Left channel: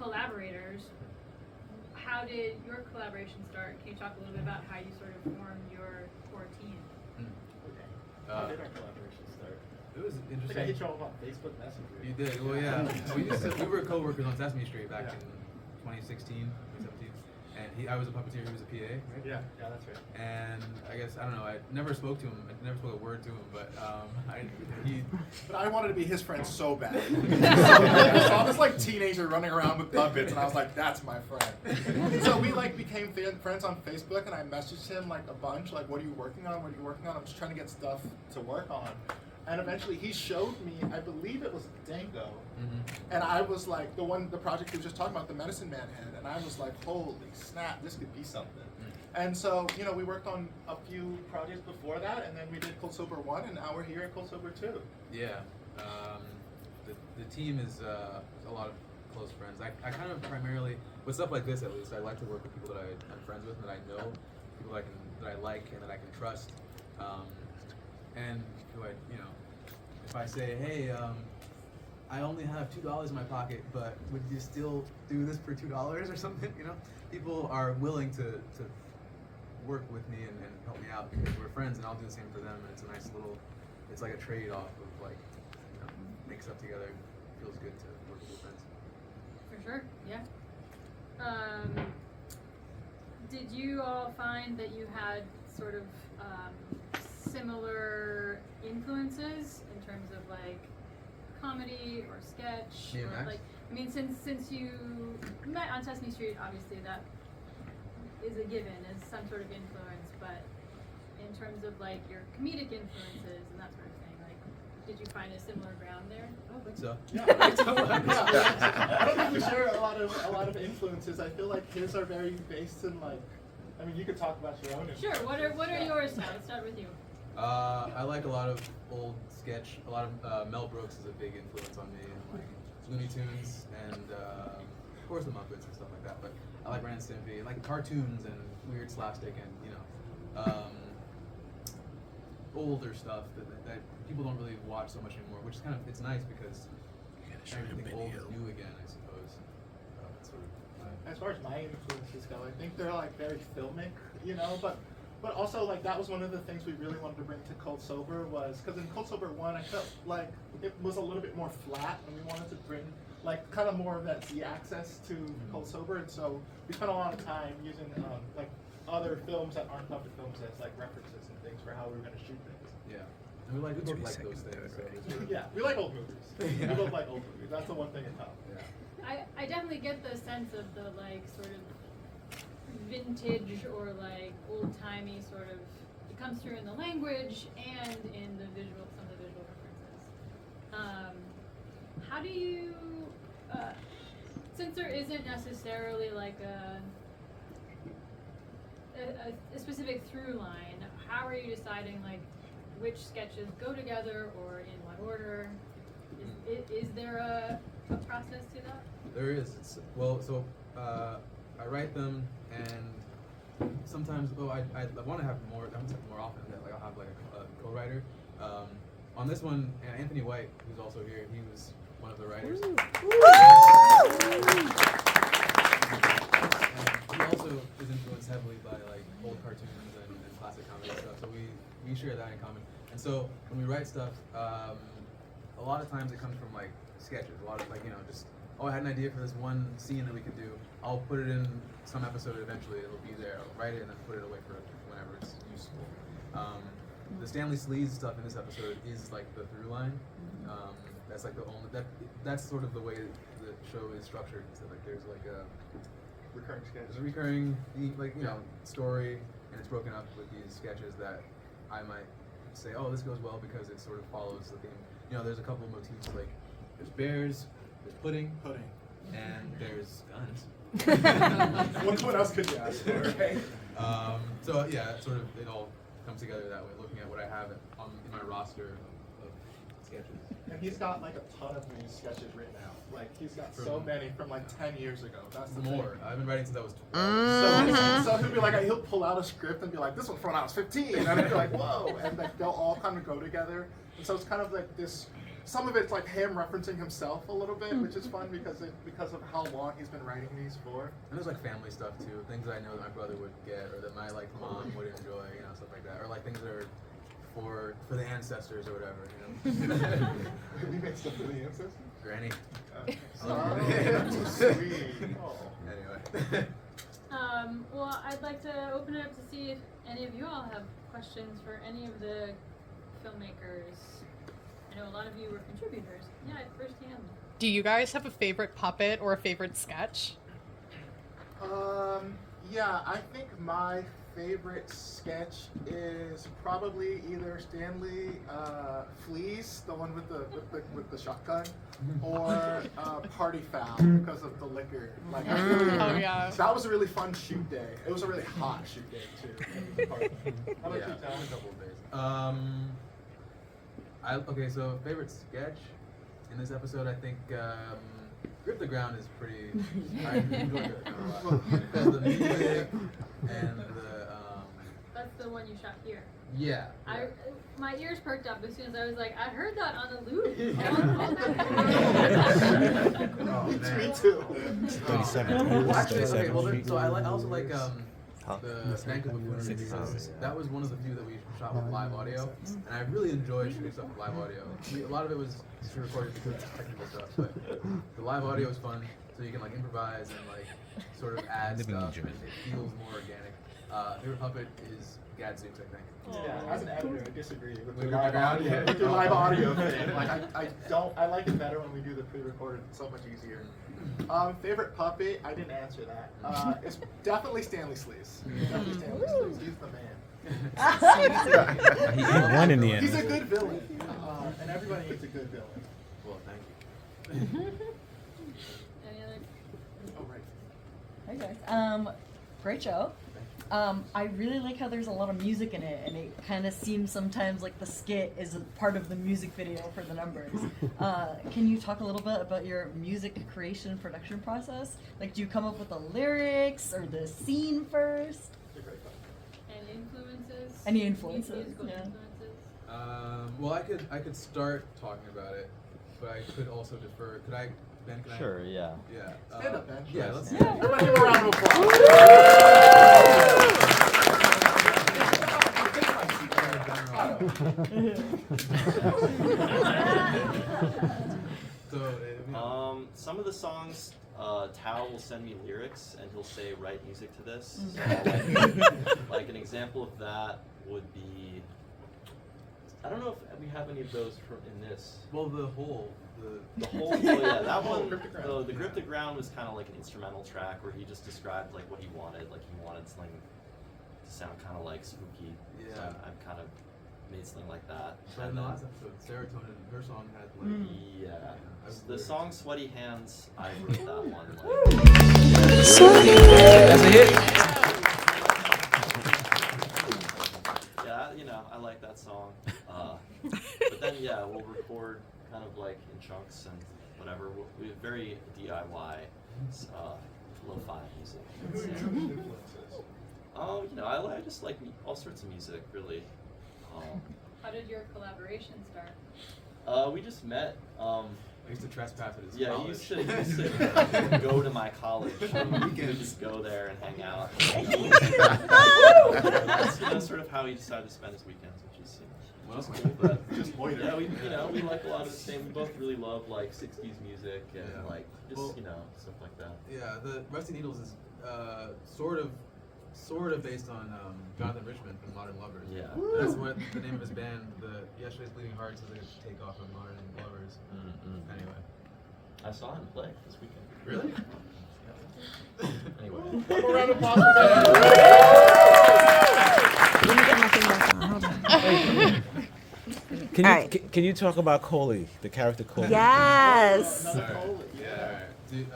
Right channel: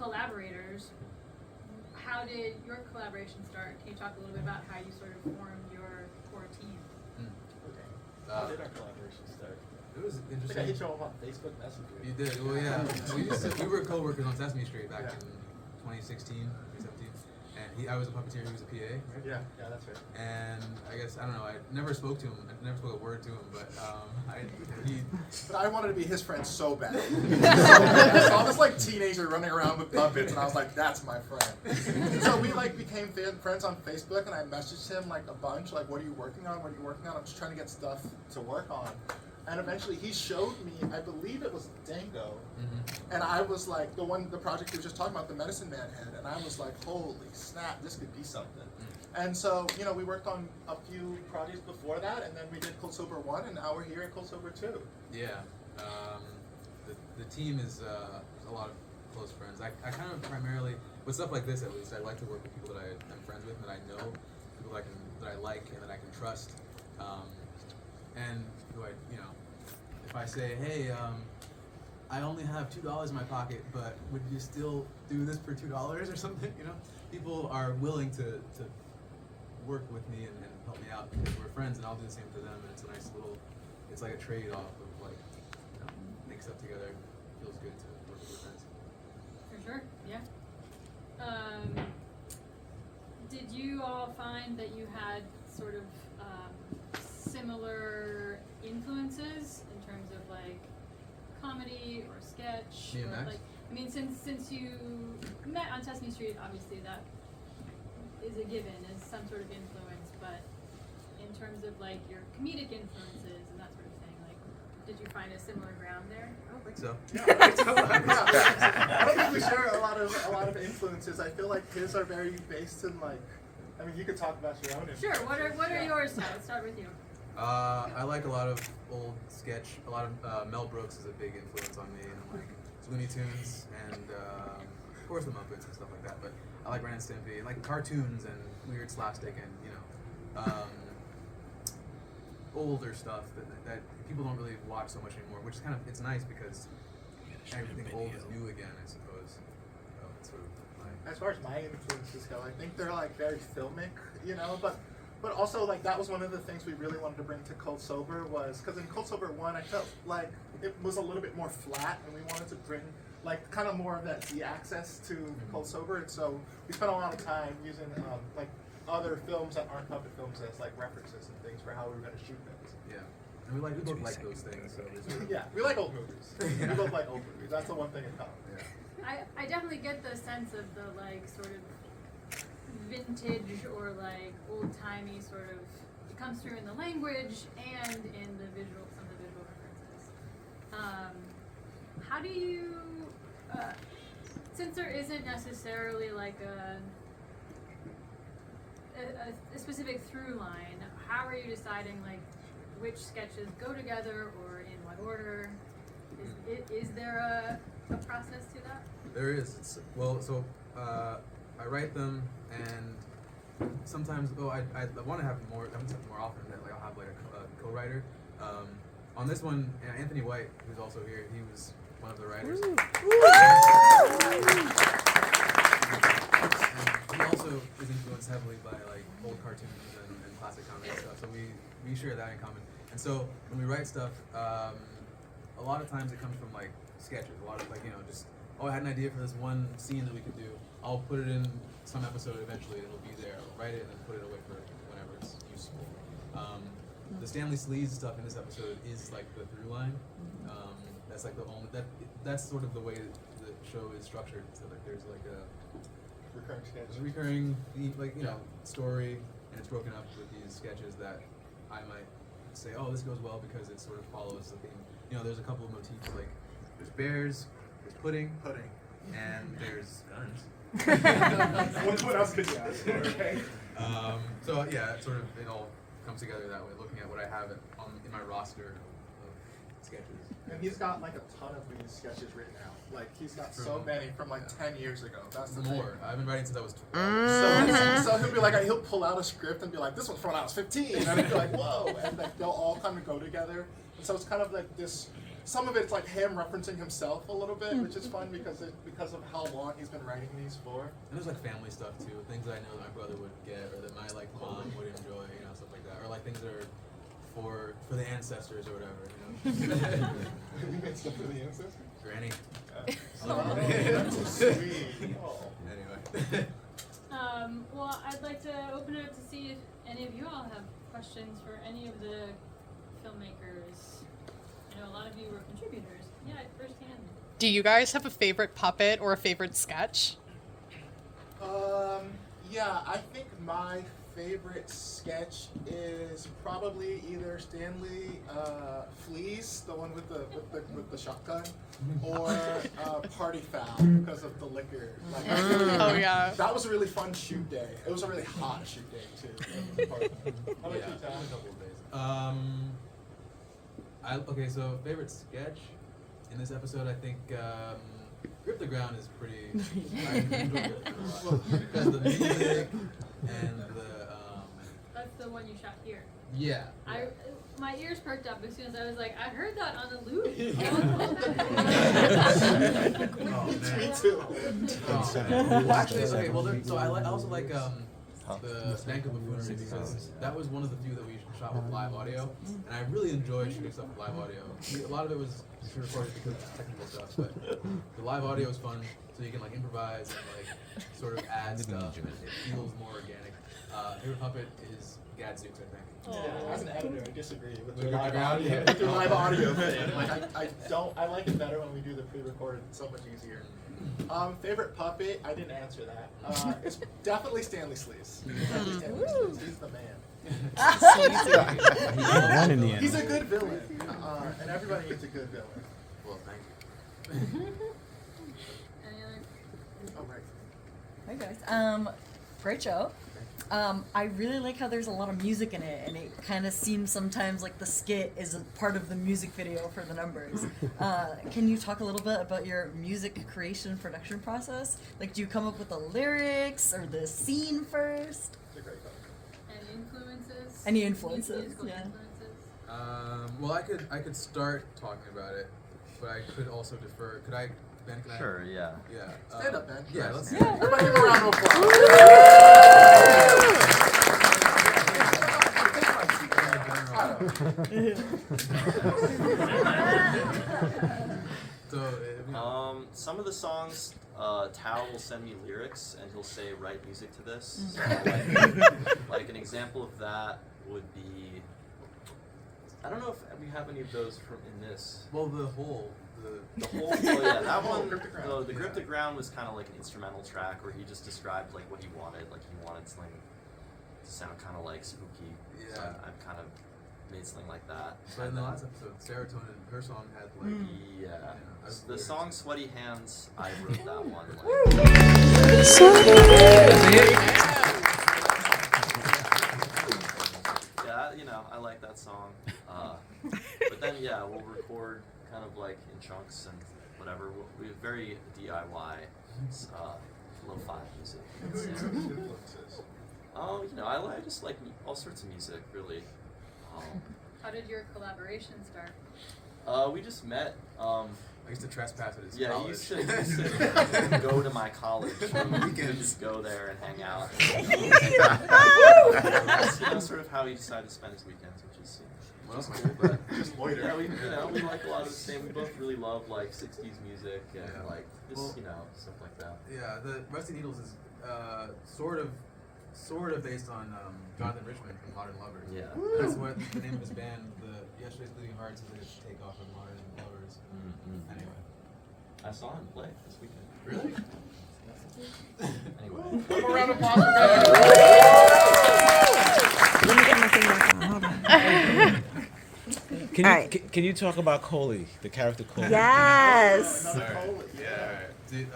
collaborators. How did your collaboration start? Can you talk a little bit about how you sort of formed your core team? Okay. How did our collaboration start? It was I think I interesting. hit you all on Facebook Messenger. You did. Well, yeah. We were co-workers on Sesame Street back in 2016, 2017. And I was a puppeteer. He was a PA, right? Yeah, that's right. And I guess I don't know. I never spoke to him. I never spoke a word to him. But But I wanted to be his friend so bad. I saw this like teenager running around with puppets, and I was like, "That's my friend." So we like became friends on Facebook, and I messaged him like a bunch, like, "What are you working on? What are you working on?" I'm just trying to get stuff to work on. And eventually he showed me, I believe it was Dango, and I was like, the project he was just talking about, the Medicine Man head, and I was like, holy snap, this could be something. And so, we worked on a few projects before that, and then we did Cold Sober 1, and now we're here at Cold Sober 2. Yeah. The team is a lot of close friends. I kind of primarily, with stuff like this at least, I like to work with people that I'm friends with and that I know, people that I like and that I can trust. And who if I say, hey, I only have $2 in my pocket, but would you still do this for $2 or something? People are willing to work with me and help me out because we're friends, and I'll do the same for them. And it's a nice little, it's like a trade-off of like, make stuff together. It feels good to work with your friends. For sure, yeah. Did you all find that you had sort of similar influences in terms of like comedy or sketch? Me and or Max? Since you met on Sesame Street, obviously that is a given, is some sort of influence, but in terms of like your comedic influences and that sort of thing, like did you find a similar ground there? I don't think so. I don't think we share a lot of influences. I feel like his are very based in like, you could talk about your own influences. Sure, what are yours now? Let's start with you. I like a lot of old sketch. A lot of Mel Brooks is a big influence on me, and like Looney Tunes, and of course the Muppets and stuff like that. But I like Ren and Stimpy, and like cartoons and weird slapstick, and older stuff that people don't really watch so much anymore. Which is it's nice because everything old is new again, I suppose. That's sort of my. As far as my influences go, I think they're like very filmic, but also like that was one of the things we really wanted to bring to Cold Sober was because in Cold Sober 1 I felt like it was a little bit more flat, and we wanted to bring like kind of more of that Z-access to Cold Sober, and so we spent a lot of time using like other films that aren't puppet films as like references and things for how we were going to shoot things. Yeah, and we both like those things. So Yeah, we like old movies. We both like old movies. That's the one thing in common. Yeah. I definitely get the sense of the like sort of vintage or like old-timey sort of, it comes through in the language and in the some of the visual references. How do you, since there isn't necessarily like a specific through line, how are you deciding like which sketches go together or in what order? Is there a process to that? There is. I write them, and sometimes I want to have more. I want to have more often that like I'll have like a co-writer. On this one, Anthony White, who's also here, he was one of the writers. And he also is influenced heavily by like old cartoons and classic comedy stuff. So we share that in common. And so when we write stuff, a lot of times it comes from like sketches. A lot of like just I had an idea for this one scene that we could do. I'll put it in some episode eventually. It'll be there. I'll write it and then put it away for whenever it's useful. The Stanley Sleaze stuff in this episode is like the through line. That's like the only that's sort of the way the show is structured. So like there's like a Recurring sketch. there's a recurring story, and it's broken up with these sketches that I might say, oh, this goes well because it sort of follows the theme. There's a couple of motifs like there's bears, there's pudding, and there's guns. What else could you ask for? Okay. So yeah, it all comes together that way. Looking at what I have in my roster of sketches. And he's got like a ton of these sketches written out. Like he's got so many from like 10 years ago. That's the more. thing. I've been writing since I was 12. So he'll be like, he'll pull out a script and be like, this one's from when I was 15, and then you're like, whoa, and like they'll all kind of go together. And so it's kind of like this some of it's like him referencing himself a little bit, which is fun because of how long he's been writing these for. And there's like family stuff too, things I know that my brother would get or that my like mom would enjoy, you know, stuff like that, or like things that are for the ancestors or whatever, you know. We made stuff for the ancestors. Granny. That's so sweet. Anyway. Well, I'd like to open it up to see if any of you all have questions for any of the filmmakers. I know a lot of you were contributors. Yeah, firsthand. Do you guys have a favorite puppet or a favorite sketch? Yeah, I think my favorite sketch is probably either Stanley Fleas, the one with the shotgun, or Party Foul because of the liquor. Like, I really, yeah. That was a really fun shoot day. It was a really hot shoot day too. How about you, Tom? A couple of days. Okay, so favorite sketch in this episode, I think Grip the Ground is pretty. I enjoyed it a lot because of the music and the. That's the one you shot here. Yeah. My ears perked up as soon as I was like, I heard that on the loop. Oh man. Me too. Well, actually, okay. Well, so I also like the Bank of Buffoonery because that was one of the few that we shot with live audio, and I really enjoyed shooting stuff with live audio. A lot of it was recorded because it's technical stuff, but the live audio is fun, so you can like improvise and like sort of add stuff, and it feels more organic. Favorite puppet is Gadzooks, I think. Yeah, as an editor, I disagree with With the the live ground, audio. yeah. With the live audio thing. Like I like it better when we do the pre-recorded. It's so much easier. Favorite puppet? I didn't answer that. It's definitely Stanley Sleaze. Definitely Stanley Sleaze. He's the man. He's a good villain, and everybody needs a good villain. Well, thank you. Any other? Oh right. Hey guys. Great show. I really like how there's a lot of music in it, and it kind of seems sometimes like the skit is a part of the music video for the numbers. Can you talk a little bit about your music creation production process? Like, do you come up with the lyrics or the scene first? It's a great puppet. And influences? Any influences? Musical Yeah. influences? Well, I could start talking about it, but I could also defer. Could I, Ben? Can Sure, yeah. Yeah. Stand up, Ben. Yeah, let's. Everybody give a round of applause. Some of the songs, Tao will send me lyrics and he'll say, write music to this. So like an example of that would be, I don't know if we have any of those from in this. Well, the whole. Oh yeah, that one, the Grip the Ground was kind of like an instrumental track where he just described like what he wanted. Like he wanted Sling to sound kind of like spooky. Yeah. So I've kind of made Sling like that. But in the last episode, Serotonin, her song had like. Yeah. I The lyrics. song Sweaty Hands, I wrote that one. Like, yeah, you know, I like that song. But then, yeah, we'll record kind of like in chunks and whatever. We're very DIY, lo-fi music. Oh, you know, I just like all sorts of music, really. How did your collaboration start? We just met. I used to trespass at his Yeah, college. he used to go to my college. We could just go there and hang out. That's, you know, sort of how he decided to spend his weekends, which is, What else am I cool. doing? But Just loiter. yeah, we like a lot of the same. We both really love like '60s music and Yeah. like just Well, stuff like that. Yeah, the Rusty Needles is sort of based on Jonathan Richman from Modern Lovers. Yeah. That's what the name of his band. The Yesterday's Bleeding Hearts is like a takeoff of Modern Lovers. Anyway. I saw him play this weekend. Really? Anyway. One more round of applause for Ben. Let me get my thing back on. Hold on. Can All you right. can you talk about Coley, the character Coley? Yes. All right. Yeah. All right. Dude,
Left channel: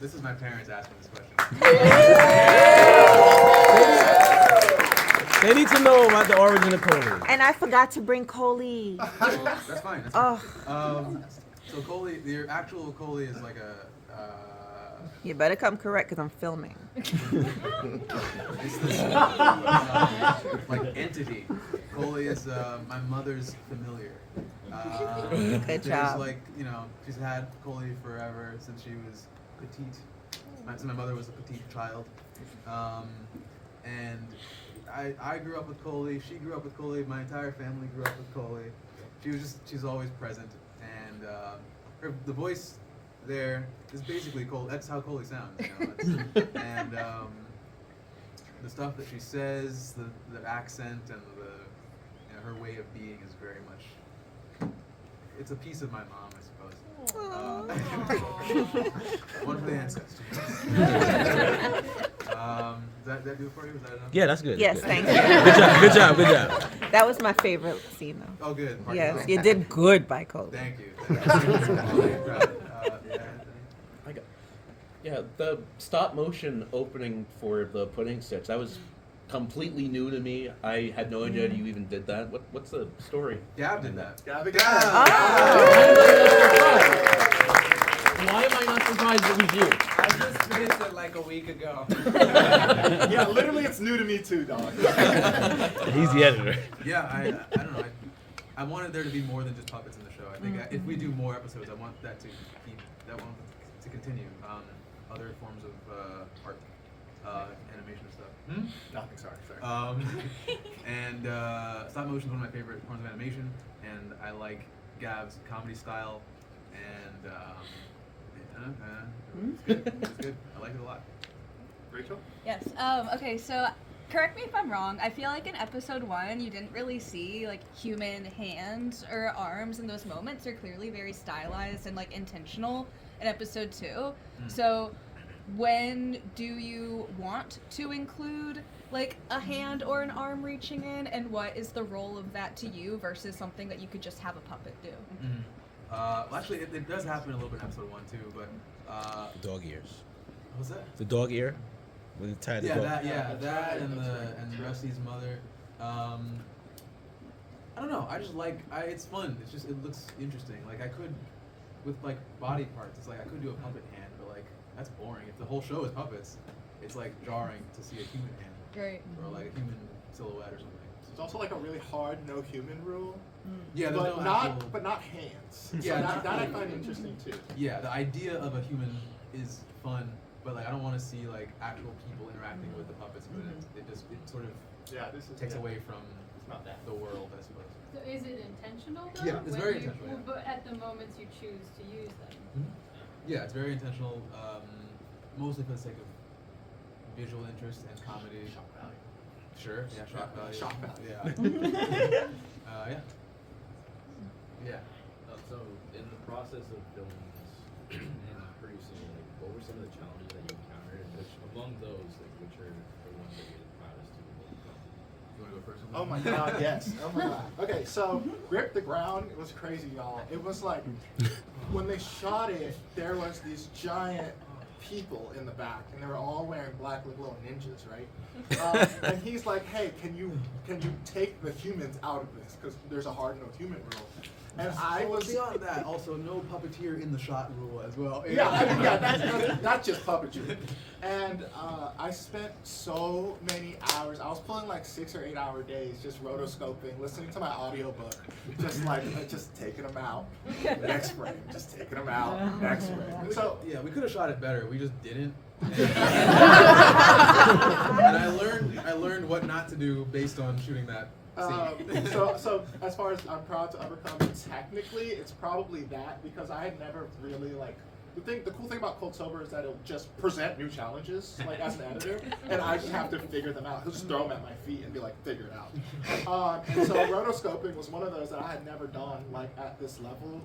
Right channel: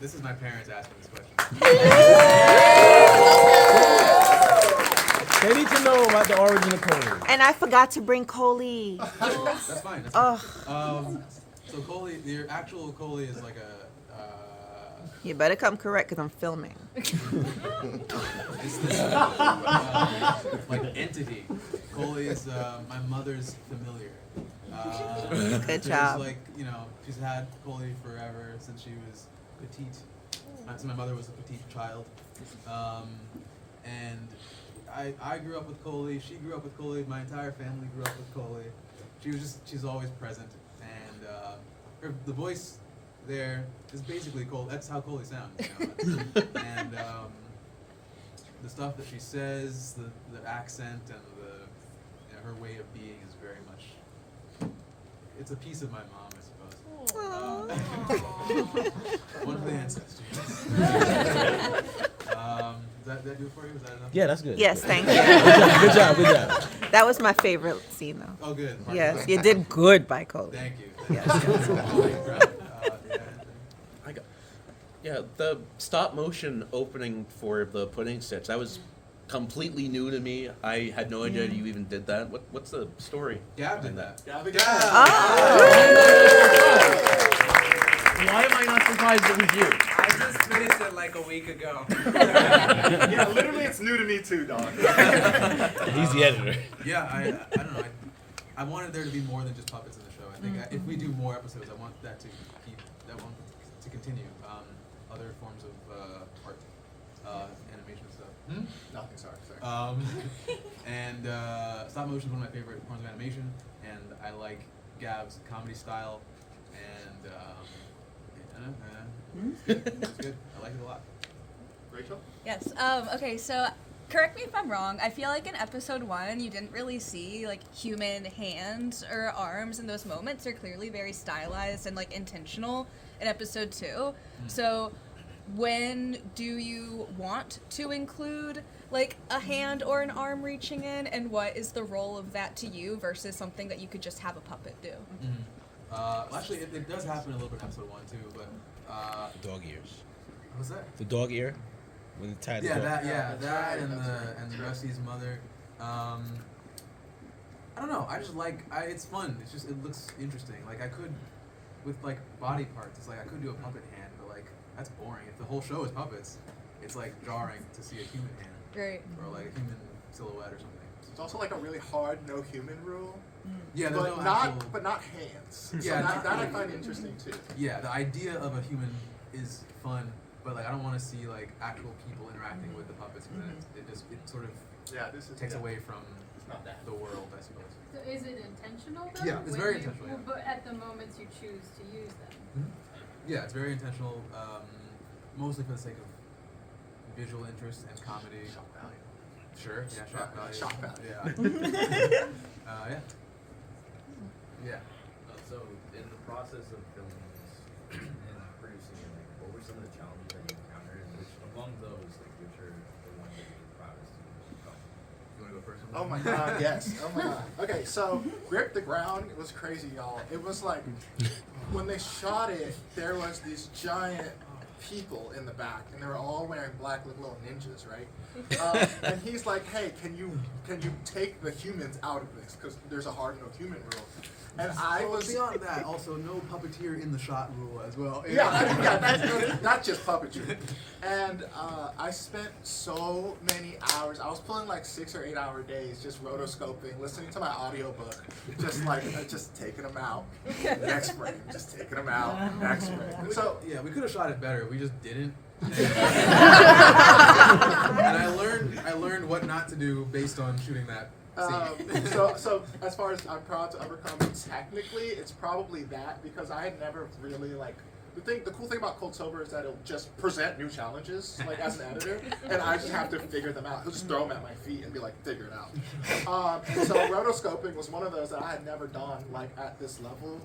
this is my parents asking this question. They need to know about the origin of Coley. And I forgot to bring Coley. That's fine. That's Oh, fine. So Coley, the actual Coley is like a. you better come correct because I'm filming. It's this like entity Coley is my mother's familiar. Good there's job. like, she's had Coley forever since she was petite. So my mother was a petite child. And I grew up with Coley, she grew up with Coley, my entire family grew up with Coley. She's always present. And the voice there is basically Coley. That's how Coley sounds. And the stuff that she says, the accent, and her way of being is very much. It's a piece of my mom, I suppose. One for the ancestors. Did that do it for you? Was that enough? Yeah, that's good. Yes, That's thank good. you. Good job. Good job. That was my favorite scene, though. Oh, good. Pardon Yes, me. you did good by Cole. Thank you. I'm really proud. Yeah, Anthony. Yeah, the stop motion opening for the pudding stitch, that was completely new to me. I had no idea you even did that. What's the story? Gab did that. Gabby. Why am I not surprised it was you? I just finished it like a week ago. Yeah, literally, it's new to me too, dog. He's the editor. Yeah, I don't know. I wanted there to be more than just puppets in the show. I think if we do more episodes, I want that to continue. Other forms of art, animation and stuff. Nothing, sorry. And stop motion is one of my favorite forms of animation, and I like Gab's comedy style, and it's good. It's good. I like it a lot. Rachel? Yes. Okay, so correct me if I'm wrong. I feel like in episode 1, you didn't really see like human hands or arms in those moments. They're clearly very stylized and like intentional in episode 2. So when do you want to include like a hand or an arm reaching in, and what is the role of that to you versus something that you could just have a puppet do? Well, actually, it does happen a little bit in episode 1 too, but The dog ears. what's that? The dog ear. When you tie the Yeah, dog. that and Rusty's mother. I don't know. I just like it's fun. It's just it looks interesting. Like I could, with like body parts, it's like I could do a puppet hand, but like that's boring. If the whole show is puppets, it's like jarring to see a human hand Great. or like a human silhouette or something. It's also like a really hard no human rule. Yeah, there's but no not actual. but not hands. Yeah, so not that I hands. find interesting too. Yeah, the idea of a human is fun, but like I don't want to see like actual people interacting with the puppets because it sort of Yeah, this is takes away from not that. the world, I suppose. So is it intentional though? Yeah, it's when very you- intentional, yeah. But at the moments you choose to use them. Yeah, it's very intentional, mostly for the sake of visual interest and comedy. Shock value. Sure, yeah, shock value. Shock value. Yeah. Yeah. Yeah. So, in the process of filming this and producing it, like, what were some of the challenges that you encountered? And which among those, like, which are the ones that you're the proudest to overcome? You want to go first? Oh my god, yes. Oh my god. Okay, so Grip the Ground, it was crazy, y'all. It was like when they shot it, there was these giant people in the back, and they were all wearing black like little ninjas, right? And he's like, "Hey, can you take the humans out of this? Because there's a hard no human rule." And I was beyond that, also no puppeteer in the shot rule as well. not just puppetry. And I spent so many hours. I was pulling like 6 or 8 hour days, just rotoscoping, listening to my audiobook, just taking them out. Next frame, just taking them out. Next frame. So yeah, we could have shot it better. We just didn't. And I learned what not to do based on shooting that. So as far as I'm proud to overcome, technically it's probably that, because I had never really like the cool thing about Cold Sober is that it'll just present new challenges like as an editor, and I just have to figure them out. He'll just throw them at my feet and be like, figure it out. And so rotoscoping was one of those that I had never done like at this level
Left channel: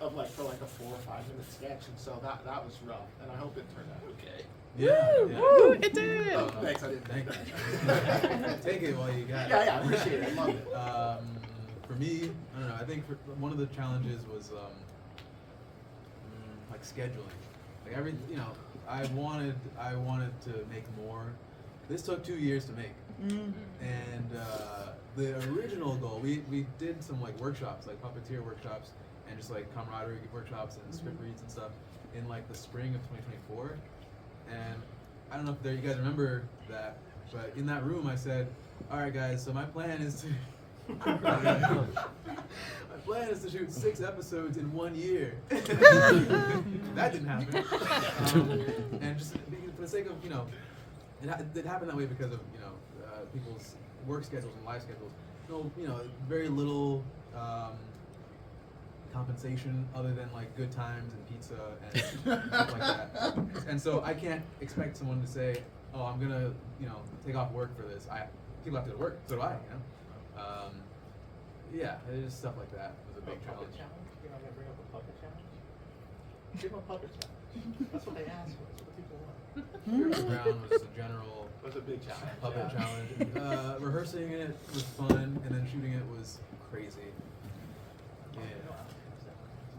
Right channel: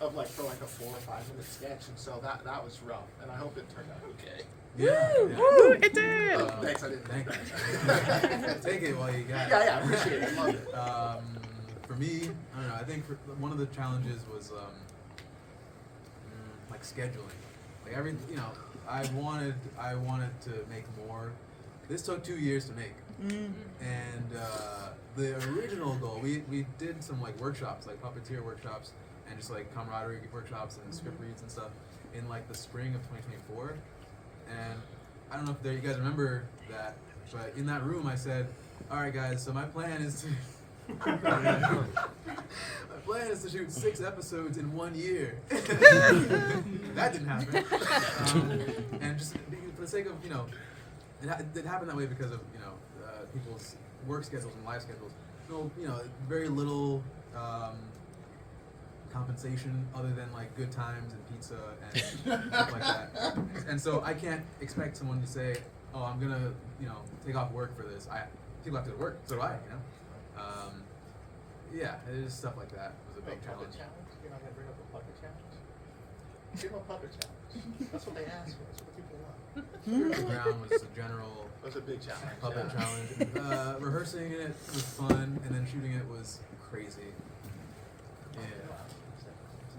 of like for like a 4 or 5 minute sketch, and so that was rough, and I hope it turned out okay. Yeah. Woo, it did. Oh, thanks, I didn't Thank think you. that. Take it while you got it. Yeah, I appreciate it. I love it. For me, I don't know. I think one of the challenges was like scheduling. Like I wanted to make more. This took 2 years to make, and the original goal, we did some like workshops, like puppeteer workshops, and just like camaraderie workshops and script reads and stuff in like the spring of 2024. And I don't know if you guys remember that, but in that room I said, all right guys, so my plan is to My plan is to shoot 6 episodes in 1 year. That didn't happen. And just for the sake of, it happened that way because of, people's work schedules and life schedules. Very little compensation other than like good times and pizza and stuff like that. And so I can't expect someone to say, "Oh, I'm gonna, take off work for this." People have to go to work, so do I. Yeah, it's just stuff like that. It was a big challenge. You're not gonna bring up a puppet challenge? Give them a puppet challenge. That's what they asked for. That's what the people want. The ground was a general. It was a big challenge. Puppet challenge. Rehearsing it was fun, and then shooting it was crazy. Yeah.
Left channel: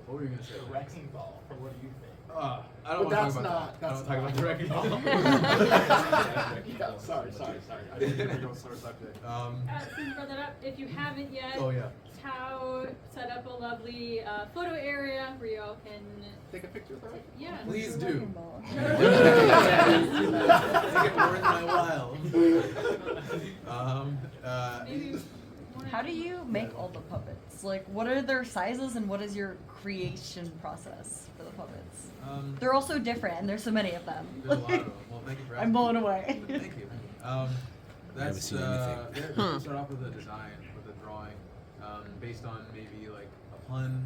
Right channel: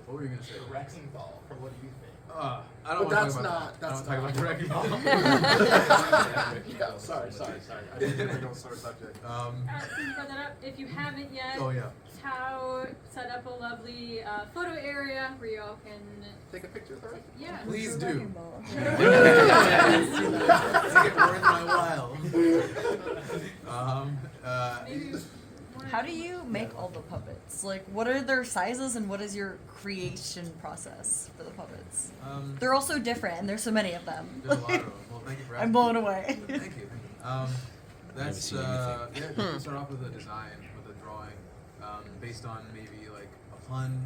What were you gonna say? The wrecking ball. From what do you think? I don't want to talk about that. I don't want to talk about the wrecking ball. Sorry. I didn't mean to go sore subject. Since you brought that up, if you haven't yet, Oh yeah. Tao set up a lovely photo area where you all can. Take a picture of her? Yeah. Please do. Make Make it worth my while. Maybe How do you make all the puppets? Like, what are their sizes and what is your creation process for the puppets? They're all so different and there's so many of them. There's a lot of them. Well, thank you for asking. I'm blown away. Thank you. That's Never seen anything. you start off with a design, with a drawing, based on maybe like a pun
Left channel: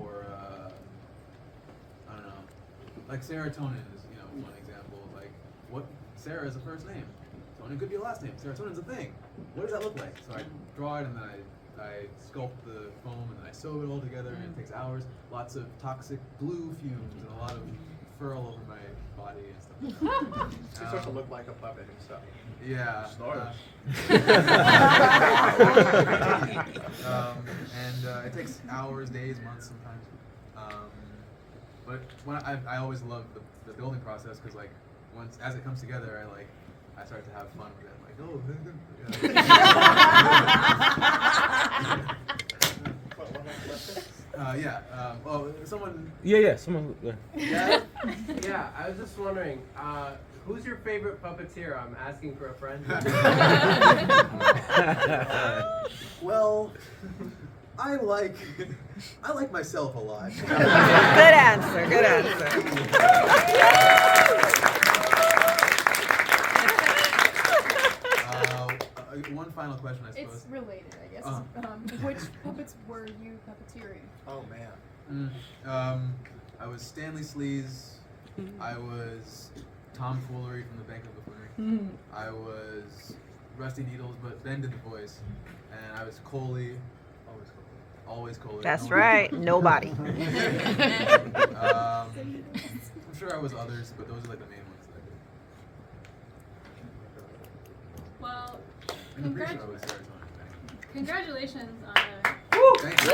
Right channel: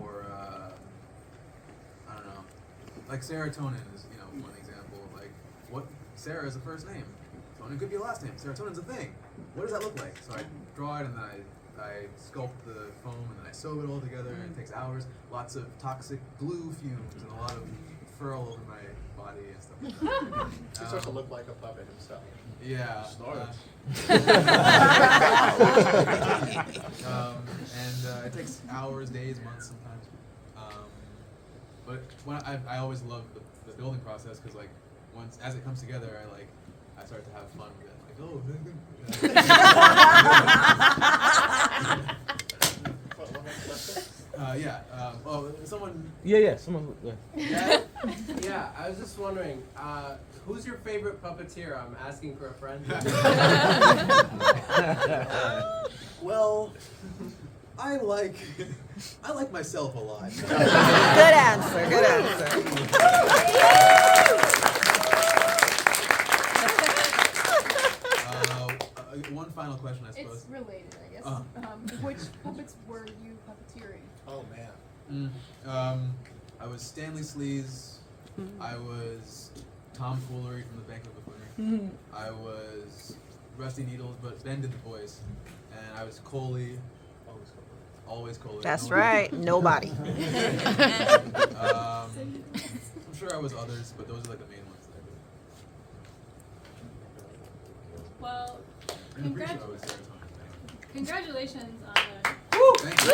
or I don't know, like serotonin is one example. Like what Sarah is a first name, Tonin could be a last name. Serotonin's a thing. What does that look like? So I draw it and then I sculpt the foam and then I sew it all together and it takes hours. Lots of toxic glue fumes and a lot of furl over my body and stuff like that. He starts to look like a puppet himself. Yeah. It takes hours, days, months sometimes. But when I always love the building process because like once as it comes together, I start to have fun with it. I'm like, oh. Someone. Yeah. Someone. Yeah. Yeah, I was just wondering, who's your favorite puppeteer? I'm asking for a friend. Well, I like myself a lot. Good answer. One final question, I suppose. It's related, I guess. Uh-huh. Which puppets were you puppeteering? Oh man. I was Stanley Sleaze. I was Tom Foolery from the Bank of Buffoonery. I was Rusty Needles, but Ben did the voice. And I was Coley. Always Coley. That's right. Nobody. I'm sure I was others, but those are like the main ones that I did. Well, In the pre-show, I was Serotonin. congratulations on a Thank you.